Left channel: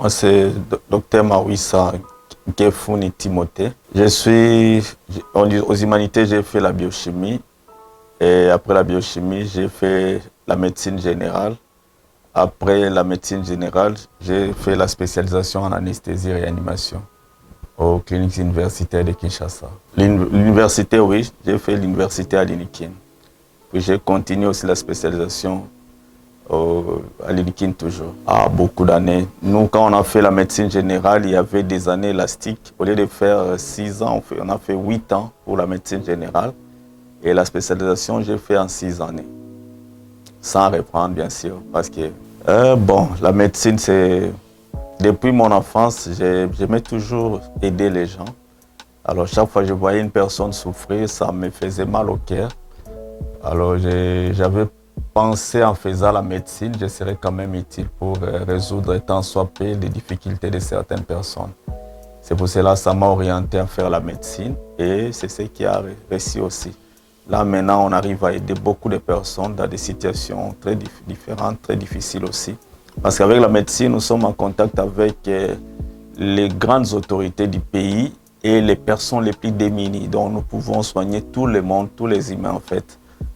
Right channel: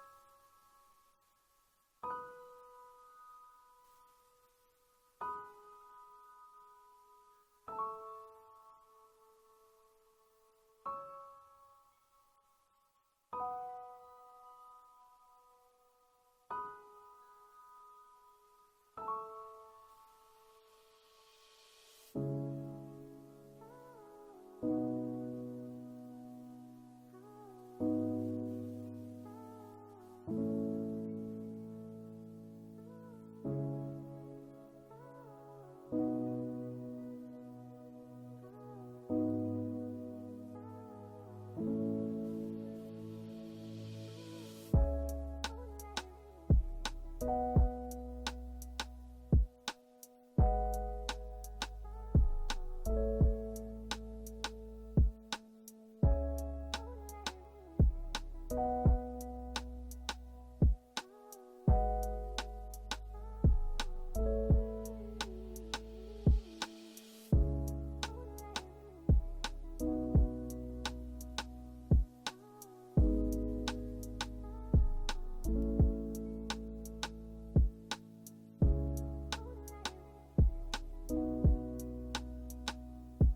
Moi, c'est Dr Mawissa Gefuni Timothée. Aux humanités, j'ai fait la biochimie. Et après la biochimie, j'ai fait la médecine générale. Après la médecine générale, j'ai fait la spécialisation en anesthésie-réanimation aux cliniques universitaires de Kinshasa. L'université, oui, j'ai fait l'université à l'INIKIN. Puis j'ai continué aussi la spécialisation à l'INIKIN toujours, à beaucoup d'années. Nous, quand on a fait la médecine générale, il y avait des années élastiques. Au lieu de faire 6 ans, on a fait 8 ans pour la médecine générale. Et la spécialisation, j'ai fait en 6 années. Sans reprendre, bien sûr, parce que, la médecine, c'est... Depuis mon enfance, j'aimais toujours aider les gens. Alors, chaque fois que je voyais une personne souffrir, ça me faisait mal au cœur. Alors, j'avais pensé en faisant la médecine, je serais quand même utile pour résoudre tant soit peu les difficultés de certaines personnes. C'est pour cela que ça m'a orienté à faire la médecine et c'est ce qui a réussi aussi. Là, maintenant, on arrive à aider beaucoup de personnes dans des situations très différentes, très difficiles aussi. Parce qu'avec la médecine, nous sommes en contact avec les grandes autorités du pays et les personnes les plus démunies. Donc, nous pouvons soigner tout le monde, tous les humains en fait.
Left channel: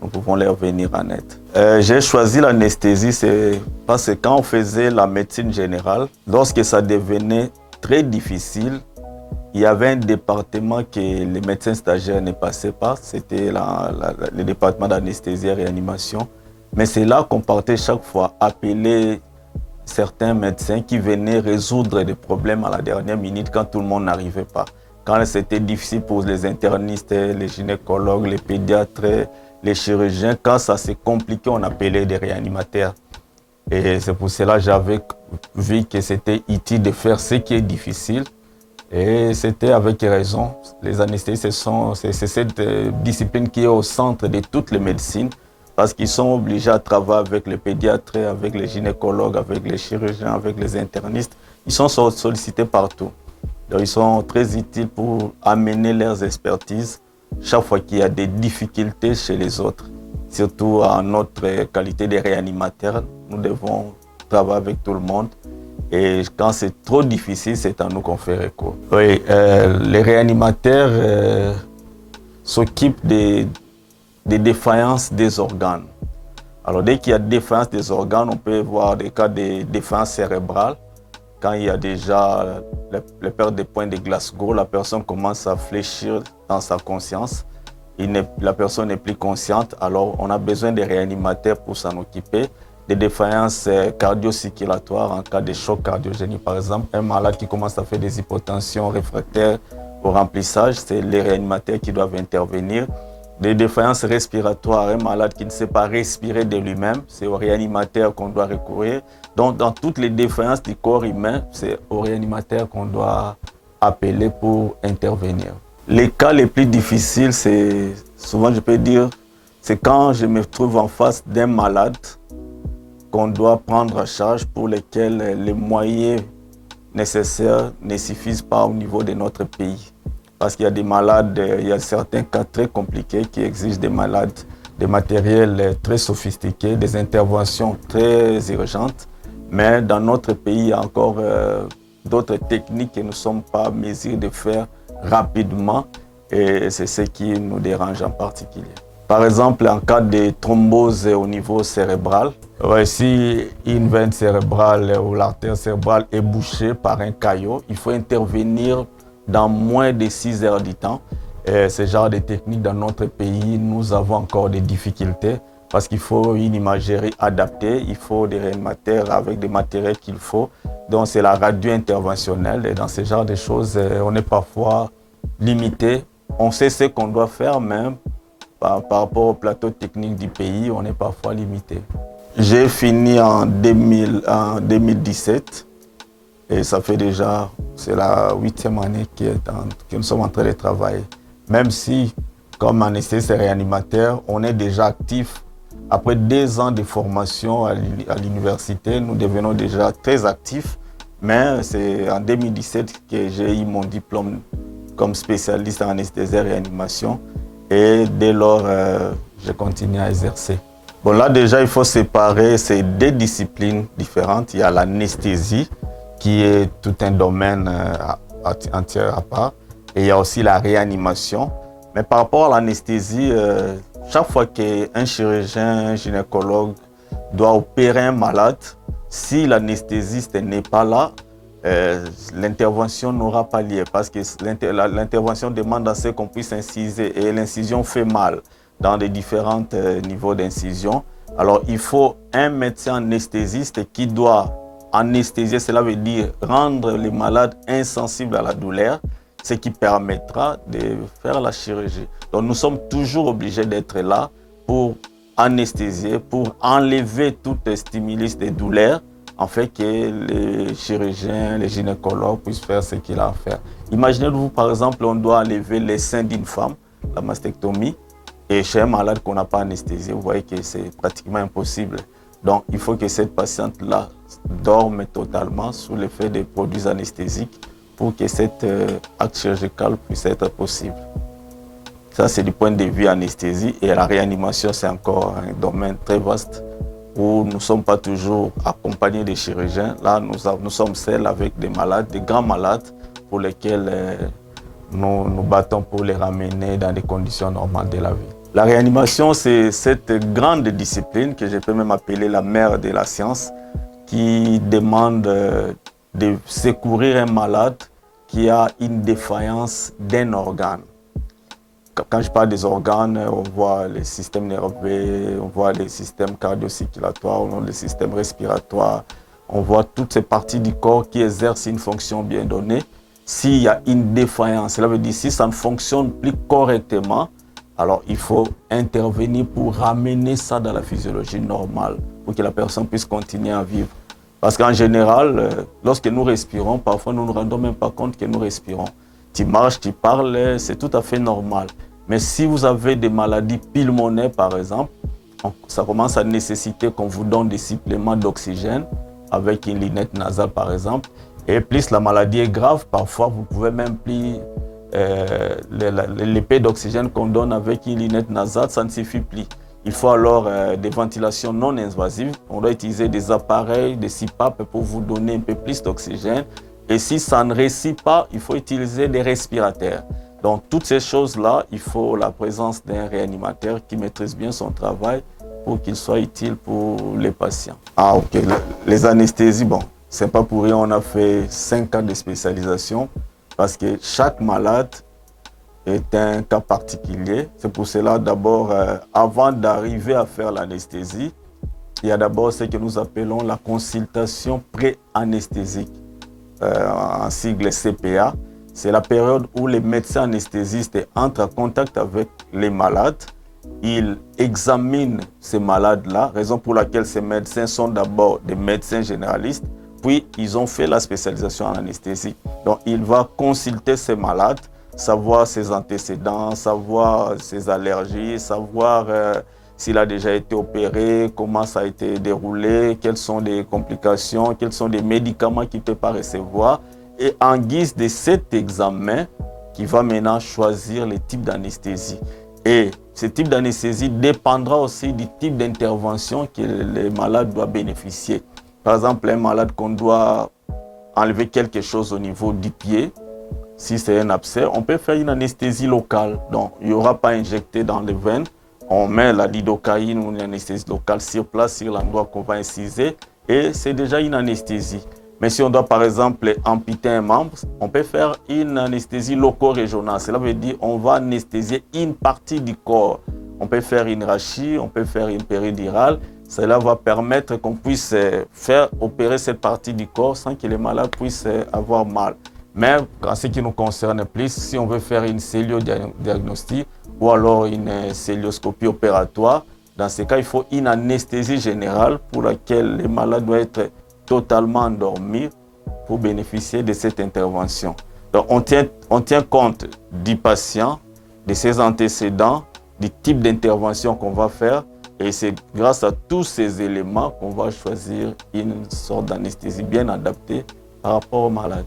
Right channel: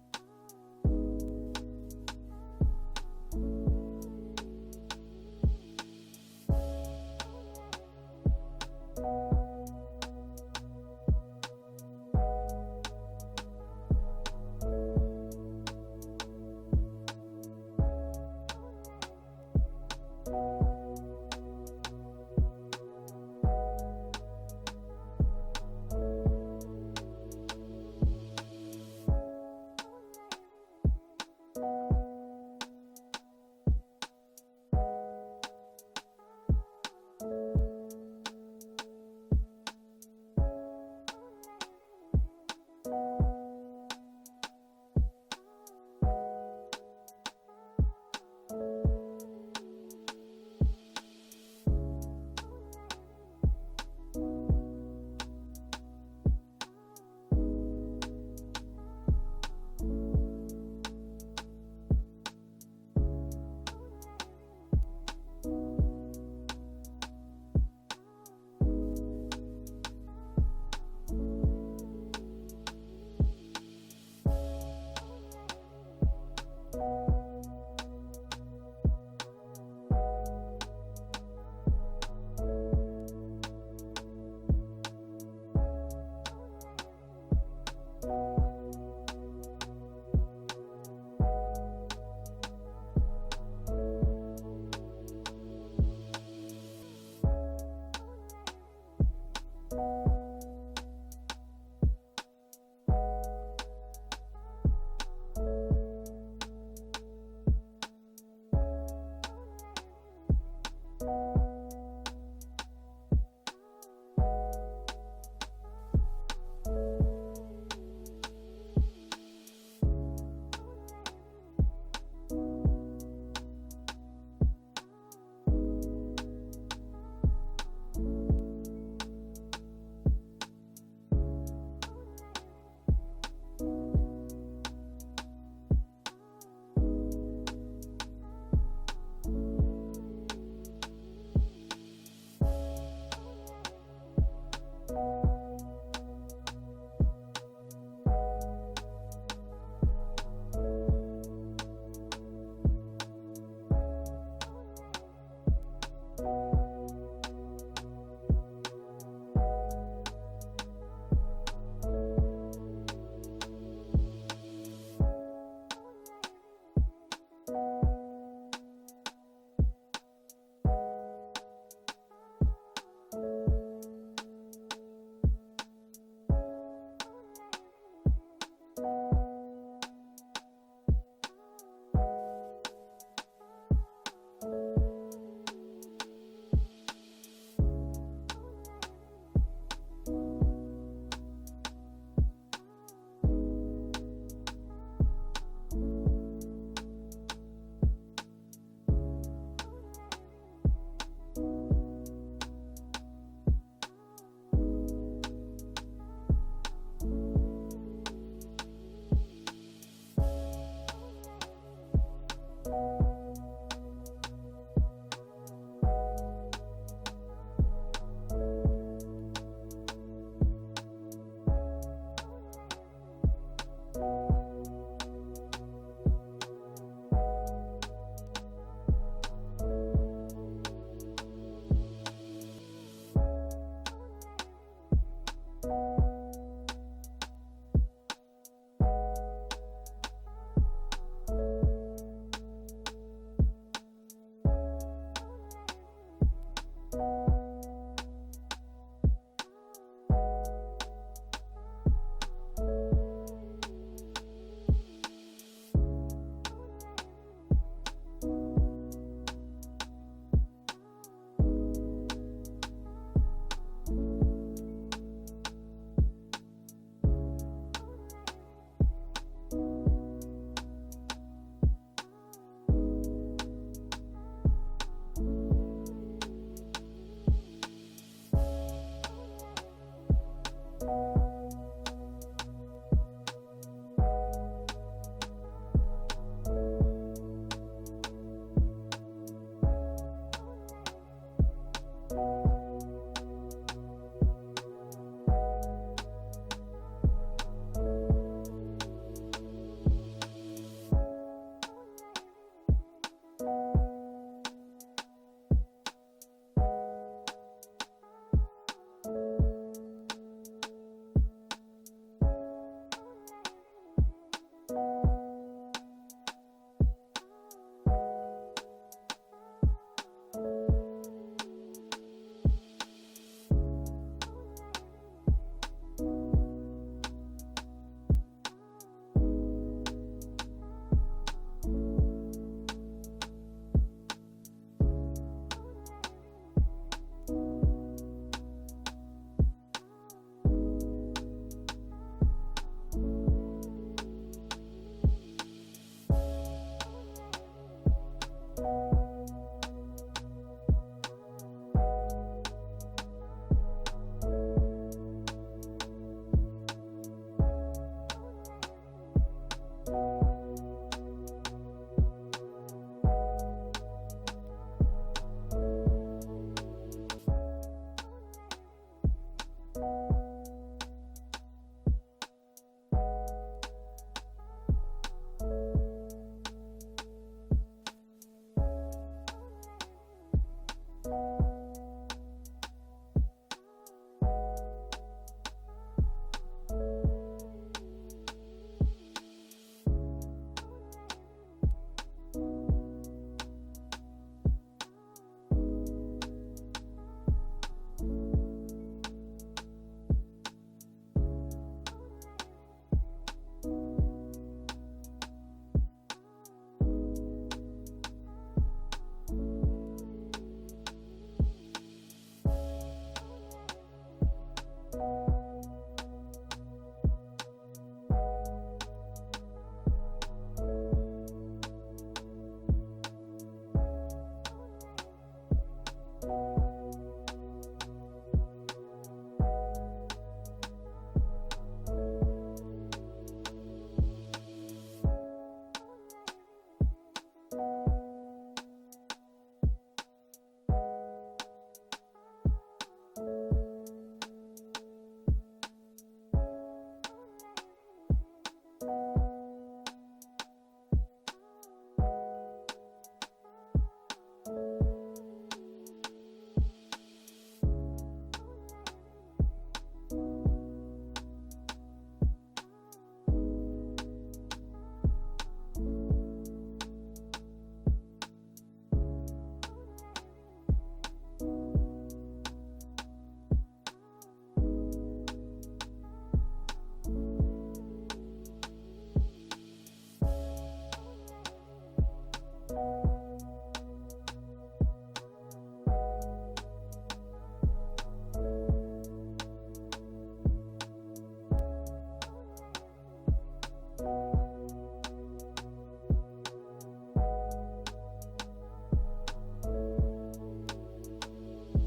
Nous pouvons leur venir en aide. J'ai choisi l'anesthésie, c'est parce que quand on faisait la médecine générale, lorsque ça devenait très difficile, il y avait un département que les médecins stagiaires ne passaient pas, c'était le département d'anesthésie et réanimation. Mais c'est là qu'on partait chaque fois appeler certains médecins qui venaient résoudre des problèmes à la dernière minute quand tout le monde n'arrivait pas. Quand c'était difficile pour les internistes, les gynécologues, les pédiatres, les chirurgiens, quand ça s'est compliqué, on appelait des réanimateurs. Et c'est pour cela que j'avais vu que c'était utile de faire ce qui est difficile. Et c'était avec raison. Les anesthésistes, c'est cette discipline qui est au centre de toutes les médecines parce qu'ils sont obligés à travailler avec les pédiatres, avec les gynécologues, avec les chirurgiens, avec les internistes. Ils sont sollicités partout. Donc, ils sont très utiles pour amener leurs expertises chaque fois qu'il y a des difficultés chez les autres. Surtout à notre qualité de réanimateurs, nous devons travailler avec tout le monde. Et quand c'est trop difficile, c'est à nous qu'on fait recours. Oui, les réanimateurs s'occupent des défaillances des organes. Alors dès qu'il y a défaillance des organes, on peut voir des cas de défaillance cérébrale. Quand il y a déjà la perte des points de Glasgow, la personne commence à fléchir dans sa conscience. La personne n'est plus consciente, alors on a besoin de réanimateurs pour s'en occuper. Des défaillances cardio-circulatoires en cas de choc cardiogénique. Par exemple, un malade qui commence à faire des hypotensions réfractaires au remplissage, c'est les réanimateurs qui doivent intervenir. Des défaillances respiratoires, un malade qui ne sait pas respirer de lui-même, c'est au réanimateur qu'on doit recourir. Donc, dans toutes les défaillances du corps humain, c'est au réanimateur qu'on doit appeler pour intervenir. Les cas les plus difficiles, c'est souvent, je peux dire, c'est quand je me trouve en face d'un malade qu'on doit prendre en charge pour lesquels les moyens nécessaires ne suffisent pas au niveau de notre pays. Parce qu'il y a des malades, il y a certains cas très compliqués qui exigent des malades, des matériels très sophistiqués, des interventions très urgentes. Mais dans notre pays, il y a encore d'autres techniques que nous ne sommes pas en mesure de faire rapidement et c'est ce qui nous dérange en particulier. Par exemple, en cas de thrombose au niveau cérébral, si une veine cérébrale ou l'artère cérébrale est bouchée par un caillot, il faut intervenir dans moins de 6 heures du temps. Et ce genre de technique dans notre pays, nous avons encore des difficultés parce qu'il faut une imagerie adaptée, il faut des réanimateurs avec des matériels qu'il faut. Donc c'est la radio interventionnelle et dans ce genre de choses, on est parfois limité. On sait ce qu'on doit faire, mais par rapport au plateau technique du pays, on est parfois limité. J'ai fini en 2017 et ça fait déjà, c'est la 8e année que nous sommes en train de travailler. Même si, comme anesthésiste et réanimateur, on est déjà actif. Après 2 ans de formation à l'université, nous devenons déjà très actifs. Mais c'est en 2017 que j'ai eu mon diplôme comme spécialiste en anesthésie et réanimation. Et dès lors, je continue à exercer. Bon, là déjà, il faut séparer ces 2 disciplines différentes. Il y a l'anesthésie qui est tout un domaine entier à part. Et il y a aussi la réanimation. Mais par rapport à l'anesthésie, chaque fois qu'un chirurgien, un gynécologue doit opérer un malade, si l'anesthésiste n'est pas là, l'intervention n'aura pas lieu parce que l'intervention demande à ce qu'on puisse inciser et l'incision fait mal dans les différents niveaux d'incision. Alors, il faut un médecin anesthésiste qui doit anesthésier, cela veut dire rendre les malades insensibles à la douleur, ce qui permettra de faire la chirurgie. Donc, nous sommes toujours obligés d'être là pour anesthésier, pour enlever tout stimulus de douleur, en fait que les chirurgiens, les gynécologues puissent faire ce qu'il a à faire. Imaginez-vous, par exemple, on doit enlever les seins d'une femme, la mastectomie, et chez un malade qu'on n'a pas anesthésié, vous voyez que c'est pratiquement impossible. Donc, il faut que cette patiente-là dorme totalement sous l'effet des produits anesthésiques pour que cet acte chirurgical puisse être possible. Ça, c'est du point de vue anesthésie. Et la réanimation, c'est encore un domaine très vaste où nous ne sommes pas toujours accompagnés des chirurgiens. Là, nous sommes seuls avec des malades, des grands malades pour lesquels nous nous battons pour les ramener dans des conditions normales de la vie. La réanimation, c'est cette grande discipline que je peux même appeler la mère de la science qui demande de secourir un malade qui a une défaillance d'un organe. Quand je parle des organes, on voit les systèmes nerveux, on voit les systèmes cardio-circulatoires, on voit les systèmes respiratoires, on voit toutes ces parties du corps qui exercent une fonction bien donnée. S'il y a une défaillance, cela veut dire si ça ne fonctionne plus correctement, alors il faut intervenir pour ramener ça dans la physiologie normale, pour que la personne puisse continuer à vivre. Parce qu'en général, lorsque nous respirons, parfois nous ne nous rendons même pas compte que nous respirons. Tu marches, tu parles, c'est tout à fait normal. Mais si vous avez des maladies pulmonaires, par exemple, ça commence à nécessiter qu'on vous donne des suppléments d'oxygène avec une lunette nasale, par exemple. Et plus la maladie est grave, parfois vous pouvez même plus l'épée d'oxygène qu'on donne avec une lunette nasale, ça ne suffit plus. Il faut alors des ventilations non invasives. On doit utiliser des appareils, des CPAP pour vous donner un peu plus d'oxygène. Et si ça ne réussit pas, il faut utiliser des respirateurs. Donc, toutes ces choses-là, il faut la présence d'un réanimateur qui maîtrise bien son travail pour qu'il soit utile pour les patients. Ah, ok. Les anesthésies, bon, c'est pas pour rien, on a fait 5 ans de spécialisation parce que chaque malade est un cas particulier. C'est pour cela, d'abord, avant d'arriver à faire l'anesthésie, il y a d'abord ce que nous appelons la consultation pré-anesthésique, en sigle CPA. C'est la période où les médecins anesthésistes entrent en contact avec les malades. Ils examinent ces malades-là, raison pour laquelle ces médecins sont d'abord des médecins généralistes, puis ils ont fait la spécialisation en anesthésie. Donc, il va consulter ces malades, savoir ses antécédents, savoir ses allergies, savoir s'il a déjà été opéré, comment ça a été déroulé, quelles sont les complications, quels sont les médicaments qu'il ne peut pas recevoir. Et en guise de cet examen, qui va maintenant choisir le type d'anesthésie. Et ce type d'anesthésie dépendra aussi du type d'intervention que le malade doit bénéficier. Par exemple, un malade qu'on doit enlever quelque chose au niveau du pied, si c'est un abcès, on peut faire une anesthésie locale. Donc, il n'y aura pas injecté dans les veines. On met la lidocaïne ou une anesthésie locale sur place, sur l'endroit qu'on va inciser, et c'est déjà une anesthésie. Mais si on doit par exemple amputer un membre, on peut faire une anesthésie loco-régionale. Cela veut dire qu'on va anesthésier une partie du corps. On peut faire une rachie, on peut faire une péridurale. Cela va permettre qu'on puisse faire opérer cette partie du corps sans que les malades puissent avoir mal. Mais en ce qui nous concerne plus, si on veut faire une cellulodiagnostic ou alors une célioscopie opératoire, dans ce cas, il faut une anesthésie générale pour laquelle les malades doivent être totalement endormis pour bénéficier de cette intervention. Donc, on tient compte du patient, de ses antécédents, du type d'intervention qu'on va faire, et c'est grâce à tous ces éléments qu'on va choisir une sorte d'anesthésie bien adaptée par rapport au malade.